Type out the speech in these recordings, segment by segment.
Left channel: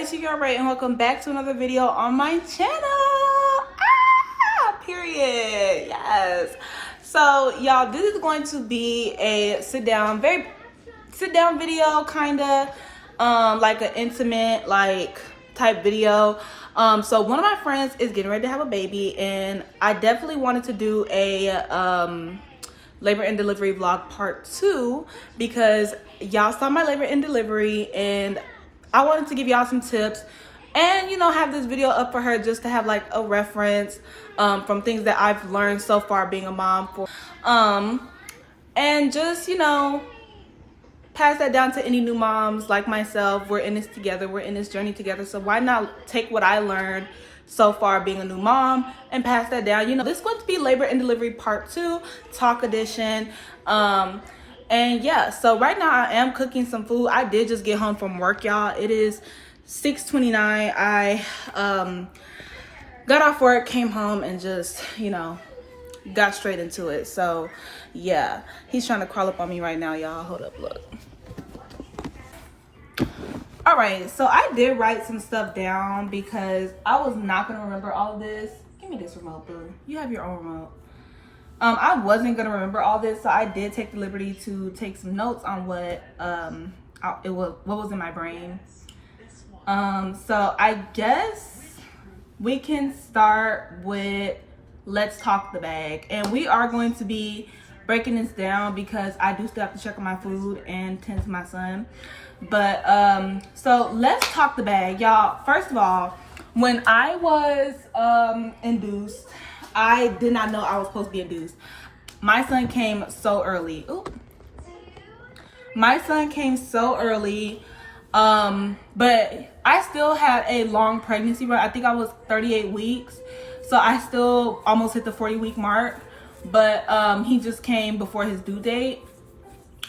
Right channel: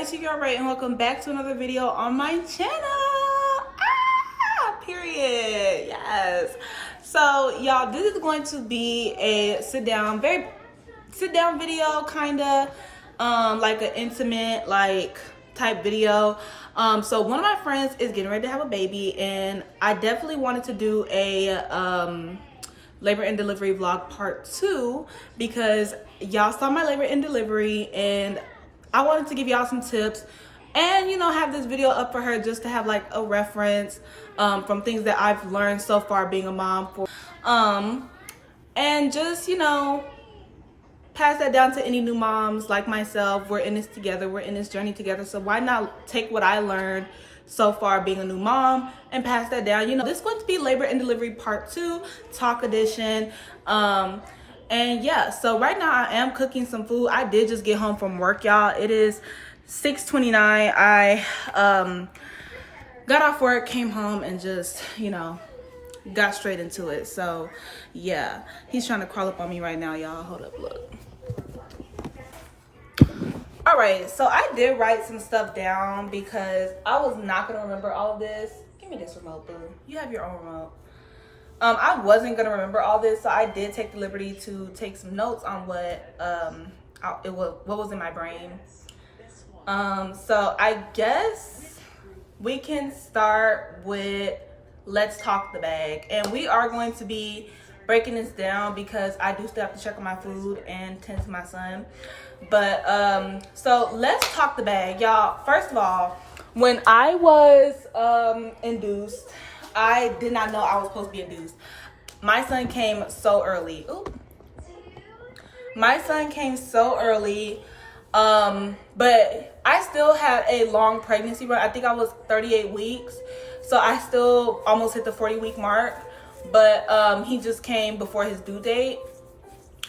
it's your girl Ray, and welcome back to another video on my channel. Period. Yes. So y'all, this is going to be a very sit down video, kind of like an intimate type video. So one of my friends is getting ready to have a baby, and I definitely wanted to do a labor and delivery vlog part 2 because y'all saw my labor and delivery, and I wanted to give y'all some tips and, you know, have this video up for her just to have like a reference from things that I've learned so far being a mom and just, you know, pass that down to any new moms like myself. We're in this together, we're in this journey together, so why not take what I learned so far being a new mom and pass that down. You know, this is going to be labor and delivery part 2, talk edition. And yeah, so right now I am cooking some food. I did just get home from work, y'all. It is 6:29. I got off work, came home, and just, you know, got straight into it. So yeah, he's trying to crawl up on me right now, y'all. Hold up, look. All right, so I did write some stuff down because I was not gonna remember all of this. Give me this remote, boo. You have your own remote. I wasn't gonna remember all this, so I did take the liberty to take some notes on what was in my brain. So I guess we can start with let's talk the bag, and we are going to be breaking this down because I do still have to check on my food and tend to my son. But so let's talk the bag, y'all. First of all, when I was induced, I did not know I was supposed to be induced. My son came so early. Oop. My son came so early, but I still had a long pregnancy run. I think I was 38 weeks, so I still almost hit the 40-week mark. But he just came before his due date,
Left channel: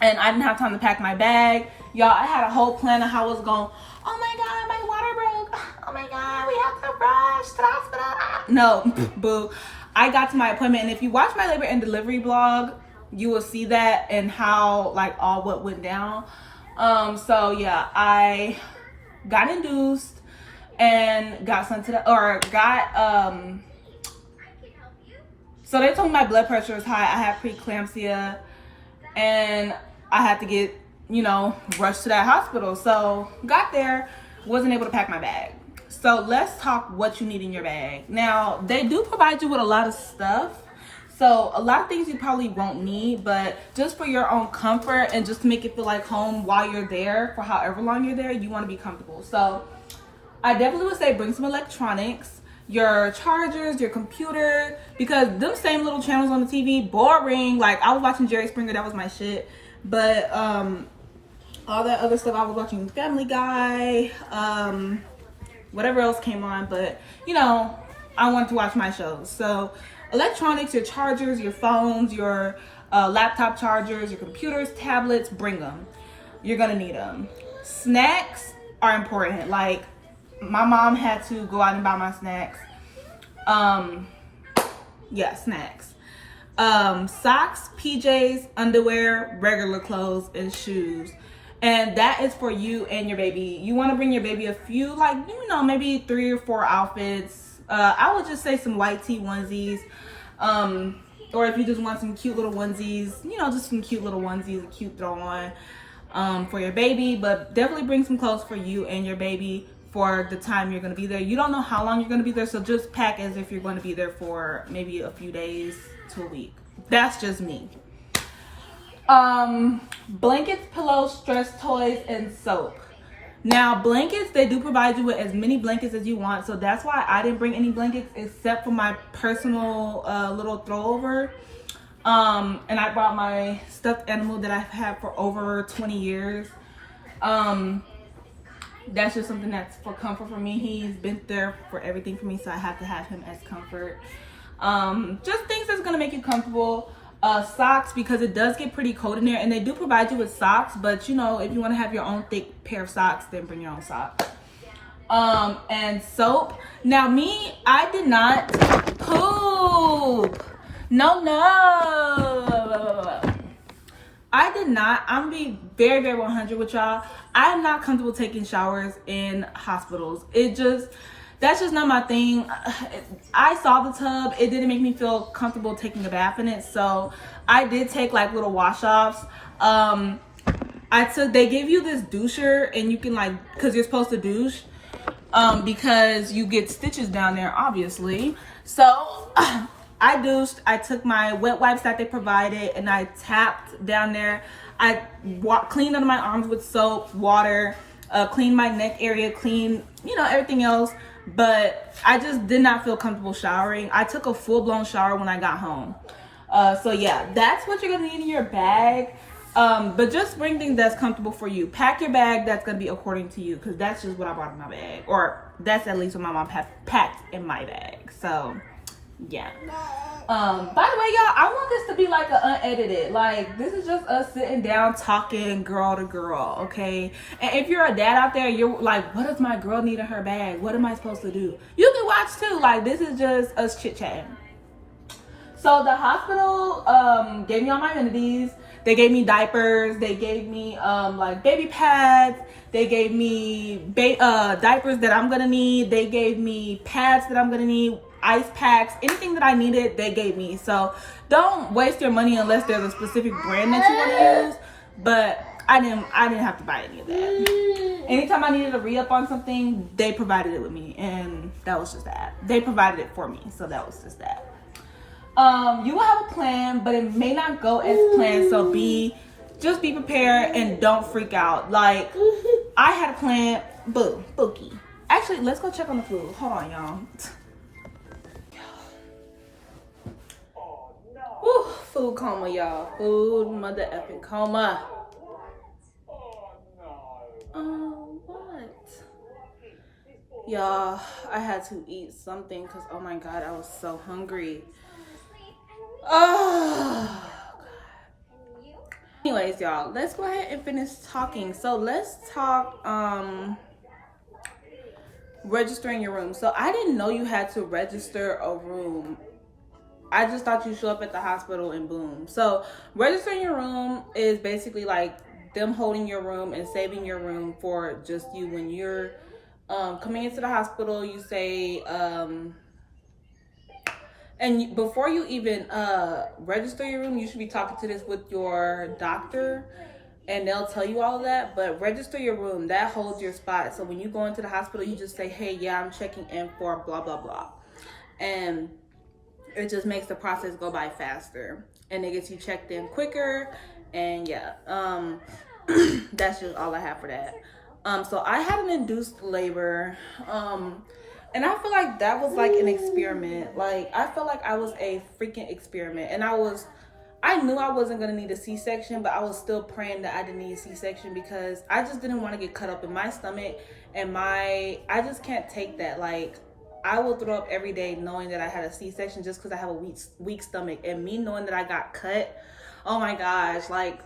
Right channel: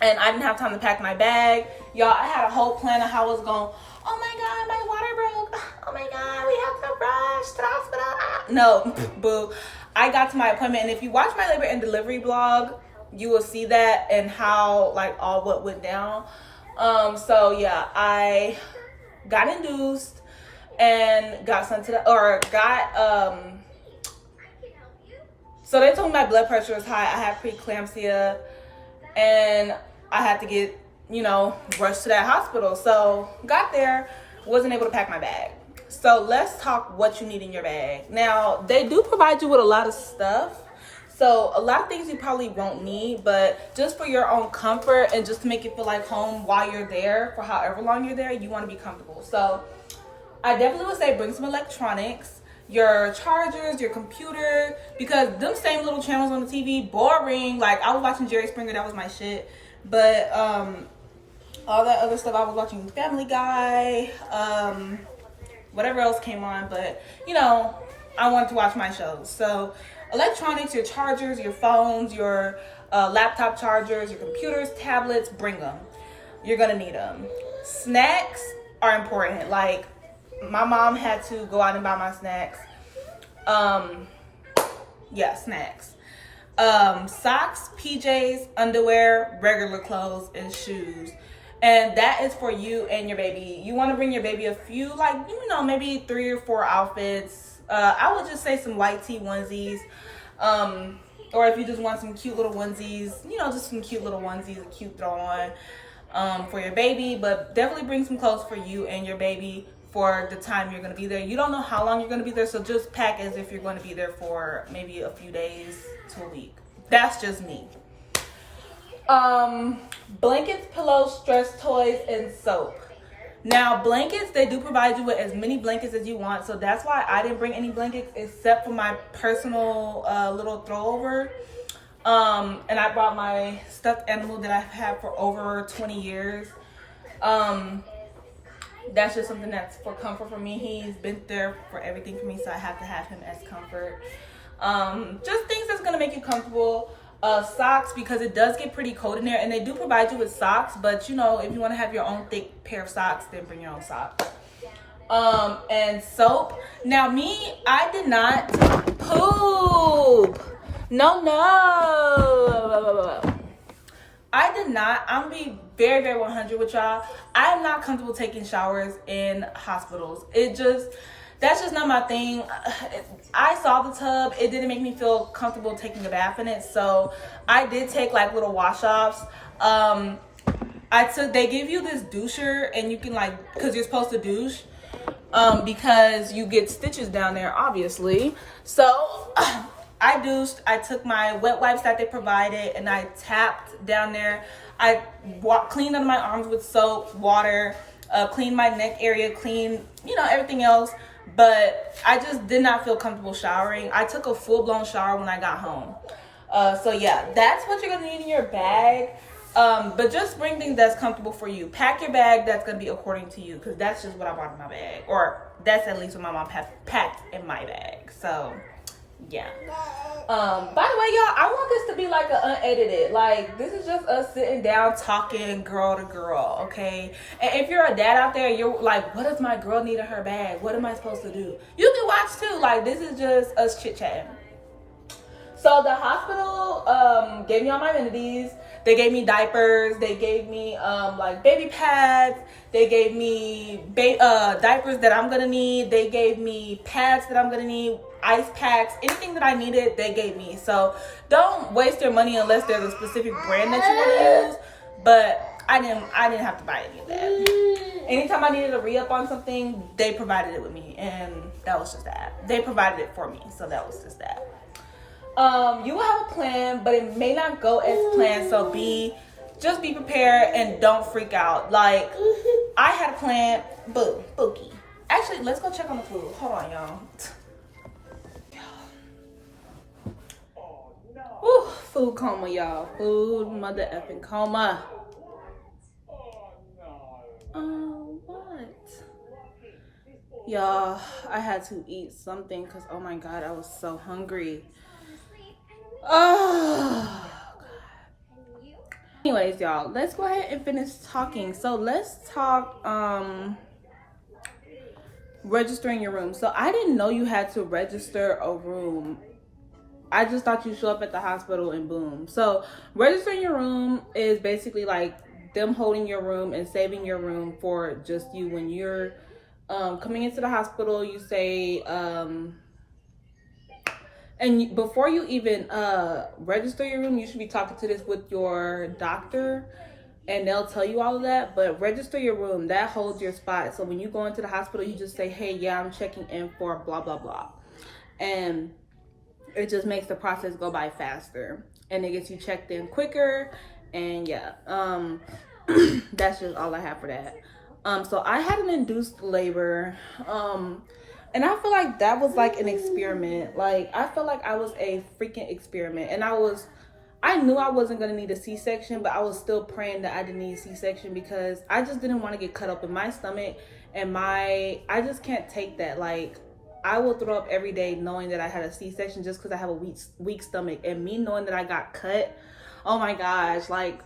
and I didn't have time to pack my bag. Y'all, I had a whole plan of how I was going. Oh my God, my water broke. Oh my God, we have to rush to the hospital. No, boo. I got to my appointment, and if you watch my labor and delivery vlog, you will see that and how like all what went down. So yeah, I got induced and got sent to so they told me my blood pressure was high. I had preeclampsia, and I had to get, you know, rushed to that hospital. So got there, wasn't able to pack my bag. So let's talk what you need in your bag. Now, they do provide you with a lot of stuff. So a lot of things you probably won't need, but just for your own comfort and just to make it feel like home while you're there, for however long you're there, you want to be comfortable. So I definitely would say bring some electronics, your chargers, your computer, because them same little channels on the TV, boring. Like, I was watching Jerry Springer, that was my shit. But all that other stuff, I was watching Family Guy, whatever else came on, but you know, I wanted to watch my shows. So electronics, your chargers, your phones, your laptop chargers, your computers, tablets, bring them. You're gonna need them. Snacks are important. Like, my mom had to go out and buy my snacks. Yeah, snacks. Socks, PJs, underwear, regular clothes, and shoes. And that is for you and your baby. You want to bring your baby a few, like, you know, maybe 3 or 4 outfits. I would just say some white tee onesies. Or if you just want some cute little onesies, you know, just some cute little onesies, a cute throw on for your baby. But definitely bring some clothes for you and your baby for the time you're going to be there. You don't know how long you're going to be there, so just pack as if you're going to be there for maybe a few days to a week. That's just me. Blankets, pillows, stress toys, and soap. Now, blankets, they do provide you with as many blankets as you want, so that's why I didn't bring any blankets except for my personal little throwover. And I brought my stuffed animal that I've had for over 20 years. That's just something that's for comfort for me. He's been there for everything for me, so I have to have him as comfort. Just things that's gonna make you comfortable. Socks, because it does get pretty cold in there, and they do provide you with socks, but you know, if you want to have your own thick pair of socks, then bring your own socks. And soap. Now, me, I did not poop. No. I did not. I'm gonna be very, very 100 with y'all. I am not comfortable taking showers in hospitals. That's just not my thing. I saw the tub. It didn't make me feel comfortable taking a bath in it. So I did take like little wash offs. They give you this doucher and you can like, cause you're supposed to douche. Because you get stitches down there, obviously. So I douched. I took my wet wipes that they provided and I tapped down there. I cleaned under my arms with soap, water, cleaned my neck area, cleaned, everything else. But I just did not feel comfortable showering. I took a full-blown shower when I got home. So yeah, that's what you're gonna need in your bag. But just bring things that's comfortable for you. Pack your bag that's gonna be according to you, because that's just what I brought in my bag, or that's at least what my mom packed in my bag. So yeah. By the way, y'all, I want this to be like an unedited. Like, this is just us sitting down talking girl to girl, okay? And if you're a dad out there, you're like, what does my girl need in her bag? What am I supposed to do? You can watch too. Like, this is just us chit chatting. So the hospital gave me all my amenities. They gave me diapers. They gave me like baby pads. They gave me diapers that I'm gonna need. They gave me pads that I'm gonna need, ice packs, anything that I needed, they gave me. So don't waste your money unless there's a specific brand that you want to use. But I didn't have to buy any of that. Anytime I needed a re-up on something, they provided it with me, and that was just that. They provided it for me, so that was just that. You will have a plan, but it may not go as planned. So just be prepared and don't freak out. Like, I had a plan. Bookie. Actually, let's go check on the food. Hold on, y'all. Whew, food coma, y'all. Food mother effing coma. What? Y'all, I had to eat something because, oh my God, I was so hungry. Oh, God. Anyways, y'all, let's go ahead and finish talking. So let's talk registering your room. So I didn't know you had to register a room. I just thought you show up at the hospital and boom. So registering your room is basically like them holding your room and saving your room for just you. When you're coming into the hospital, you say and before you even register your room, you should be talking to this with your doctor, and they'll tell you all of that. But register your room, that holds your spot. So when you go into the hospital, you just say, hey, yeah, I'm checking in for blah, blah, blah. And it just makes the process go by faster. And it gets you checked in quicker. And yeah, that's just all I have for that. So I had an induced labor. And I feel like that was like an experiment. Like, I felt like I was a freaking experiment. And I knew I wasn't going to need a C-section, but I was still praying that I didn't need a C-section because I just didn't want to get cut up in my stomach. And I just can't take that. Like, I will throw up every day knowing that I had a C-section just because I have a weak stomach. And me knowing that I got cut, oh my gosh, like,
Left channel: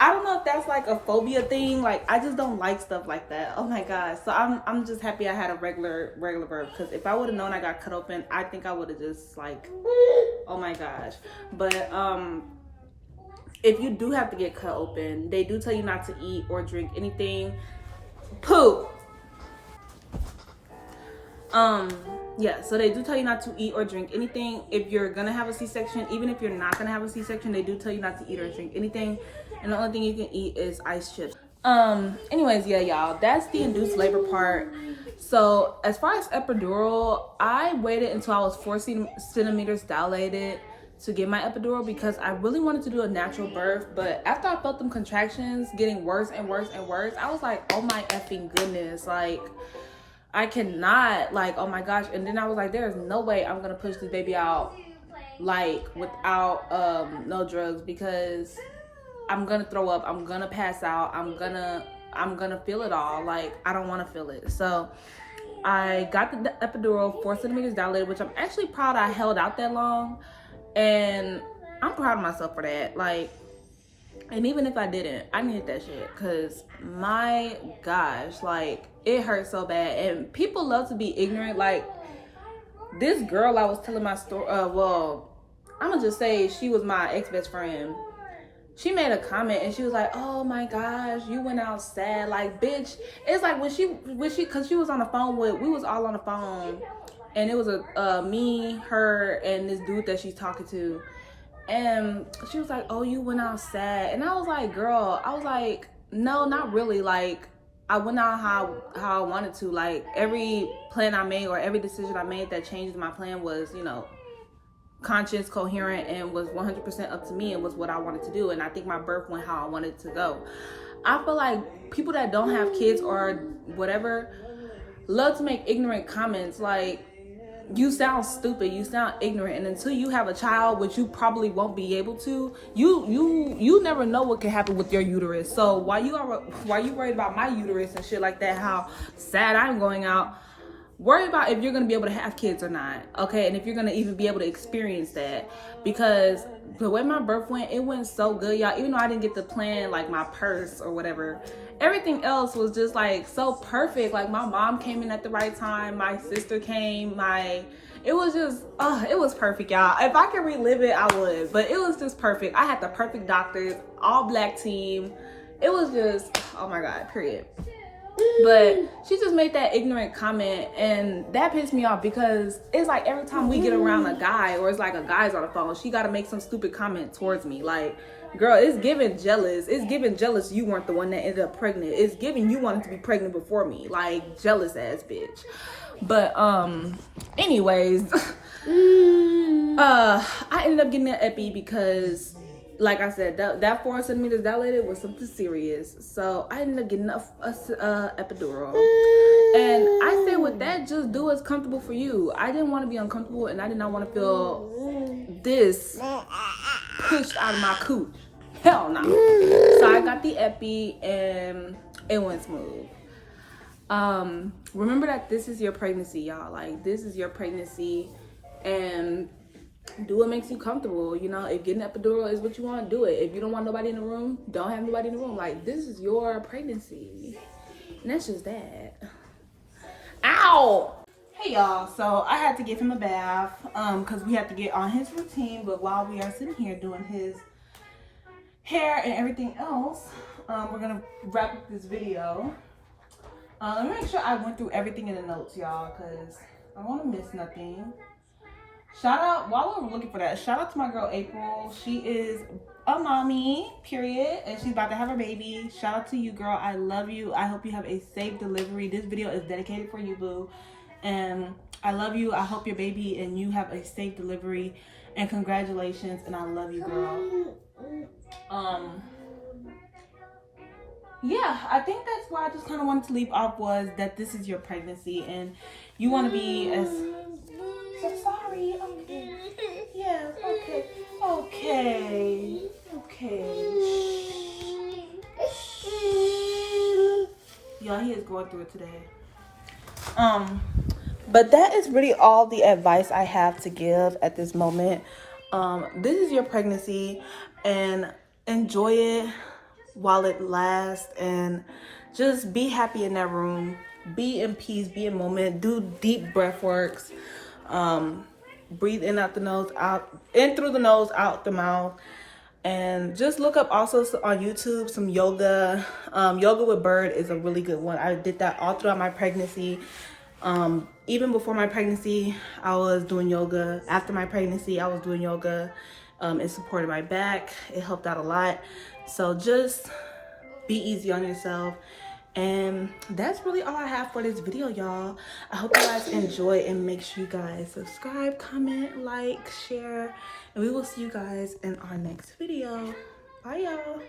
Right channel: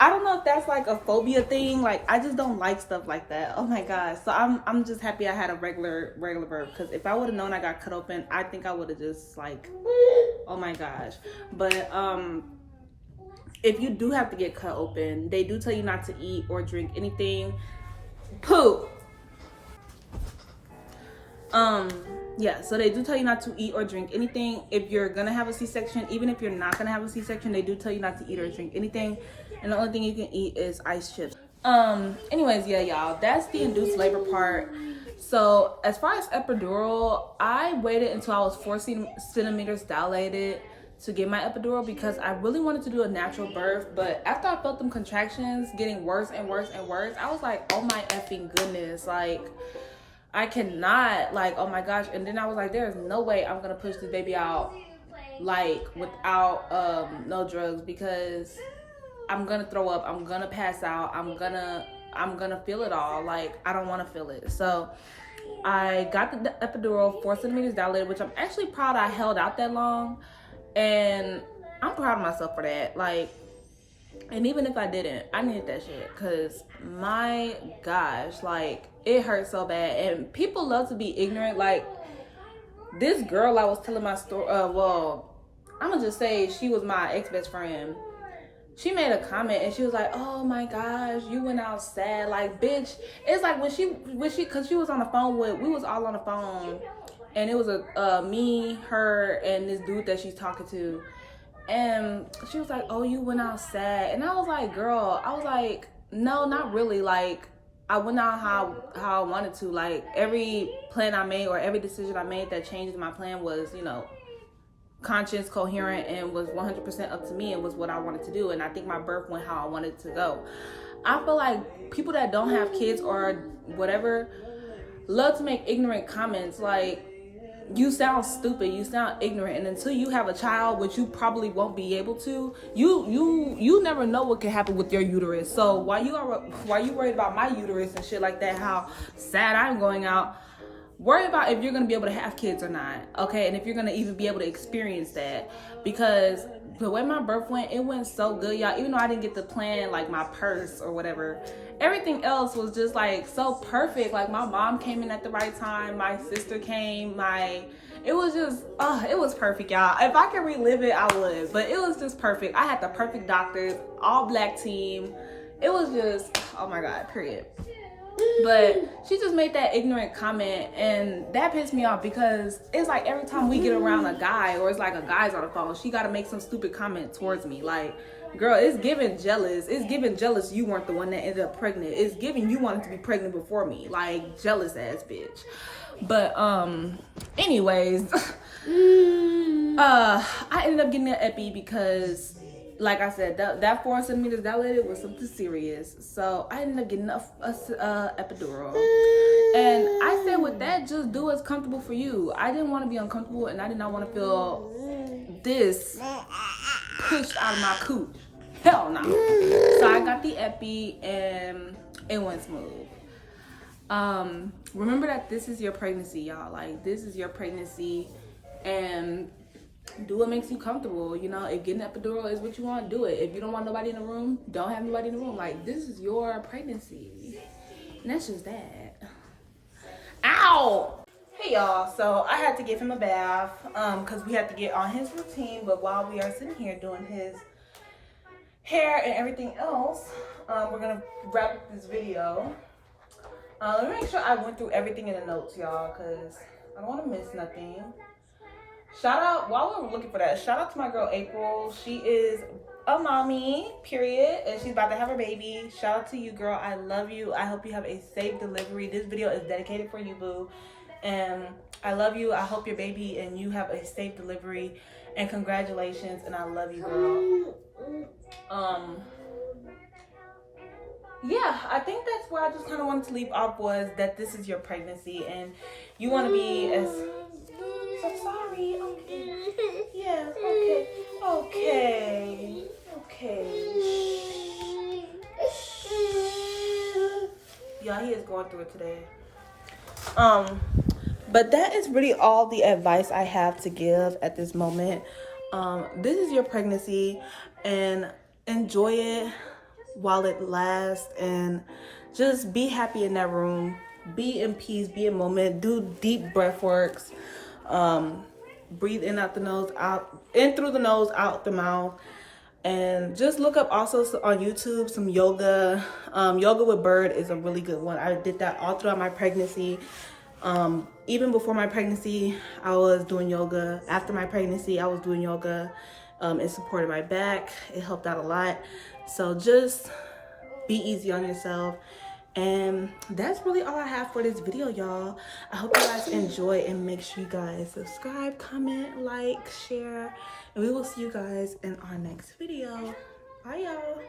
I don't know if that's like a phobia thing. Like, I just don't like stuff like that. Oh my gosh. So I'm just happy I had a regular birth, because if I would have known I got cut open, I think I would have just like, oh my gosh. But if you do have to get cut open, they do tell you not to eat or drink anything. Poop. Yeah, so they do tell you not to eat or drink anything if you're gonna have a C-section. Even if you're not gonna have a C-section, they do tell you not to eat or drink anything, and the only thing you can eat is ice chips. Anyways, yeah, y'all, that's the induced labor part. So as far as epidural, I waited until I was 4 centimeters dilated to get my epidural because I really wanted to do a natural birth. But after I felt them contractions getting worse and worse and worse, I was like, oh my effing goodness, like, I cannot, like, oh my gosh. And then I was like, there's no way I'm gonna push this baby out like without no drugs, because I'm gonna throw up, I'm gonna pass out, I'm gonna feel it all. Like, I don't want to feel it. So I got the epidural, 4 centimeters dilated, which I'm actually proud I held out that long, and I'm proud of myself for that. Like, and even if I didn't, I needed that shit, because my gosh, like, it hurt so bad. And people love to be ignorant. Like, this girl I was telling my story, well, I'm gonna just say she was my ex-best friend. she made a comment and she was like, oh my gosh, you went out sad. Like, bitch, it's like when she cause she was on the phone we was all on the phone, and it was me, her, and this dude that she's talking to. And she was like, oh, you went out sad. And I was like, girl, I was like, no, not really. Like, I went out how I wanted to. Like, every plan I made or every decision I made that changed my plan was, you know, conscious, coherent, and was 100% up to me and was what I wanted to do. And I think my birth went how I wanted it to go. I feel like people that don't have kids or whatever love to make ignorant comments like, you sound stupid, you sound ignorant, and until you have a child, which you probably won't be able to, you never know what can happen with your uterus. So while you worried about my uterus and shit like that, how sad I'm going out, worry about if you're going to be able to have kids or not, okay? And if you're going to even be able to experience that. Because the way my birth went, it went so good, y'all. Even though I didn't get to plan, like, my purse or whatever, everything else was just, like, so perfect. Like, my mom came in at the right time. My sister came. It was just, it was perfect, y'all. If I could relive it, I would. But it was just perfect. I had the perfect doctors, all black team. It was just, oh, my God, period. But she just made that ignorant comment, and that pissed me off because it's like every time we get around a guy or it's like a guy's on the phone, she got to make some stupid comment towards me. Like, girl, it's giving jealous. It's giving jealous you weren't the one that ended up pregnant. It's giving you wanted to be pregnant before me. Like, jealous ass bitch. But anyways, I ended up getting an epi because, like I said, that 4 centimeters dilated was something serious. So I ended up getting a epidural. And I said with that, just do what's comfortable for you. I didn't want to be uncomfortable, and I did not want to feel this pushed out of my cooch. Hell no. So I got the epi, and it went smooth. Remember that this is your pregnancy, y'all. Like, this is your pregnancy, and do what makes you comfortable. You know, if getting an epidural is what you want, do it. If you don't want nobody in the room, don't have nobody in the room. Like, this is your pregnancy, and that's just that. Ow! Hey y'all, so I had to give him a bath because we had to get on his routine. But while we are sitting here doing his hair and everything else, we're gonna wrap up this video. Let me make sure I went through everything in the notes, y'all, because I don't want to miss nothing. Shout out, while we were looking for that, shout out to my girl April. She is a mommy, period, and she's about to have her baby. Shout out to you, girl. I love you. I hope you have a safe delivery. This video is dedicated for you, boo. And I love you. I hope your baby and you have a safe delivery. And congratulations. And I love you, girl. Yeah, I think that's where I just kind of wanted to leave off, was that this is your pregnancy and you want to be as... So sorry. Okay. Yeah. Okay. Okay. Y'all, he is going through it today. But that is really all the advice I have to give at this moment. This is your pregnancy, and enjoy it while it lasts, and just be happy in that room. Be in peace. Be in moment. Do deep breath works. Breathe in out the nose, out in through the nose, out the mouth. And just look up also on YouTube some yoga. Yoga with Bird is a really good one. I did that all throughout my pregnancy. Even before my pregnancy, I was doing yoga. After my pregnancy, I was doing yoga. It supported my back. It helped out a lot. So just be easy on yourself. And that's really all I have for this video, y'all. I hope you guys enjoy, and make sure you guys subscribe, comment, like, share, and we will see you guys in our next video. Bye, y'all.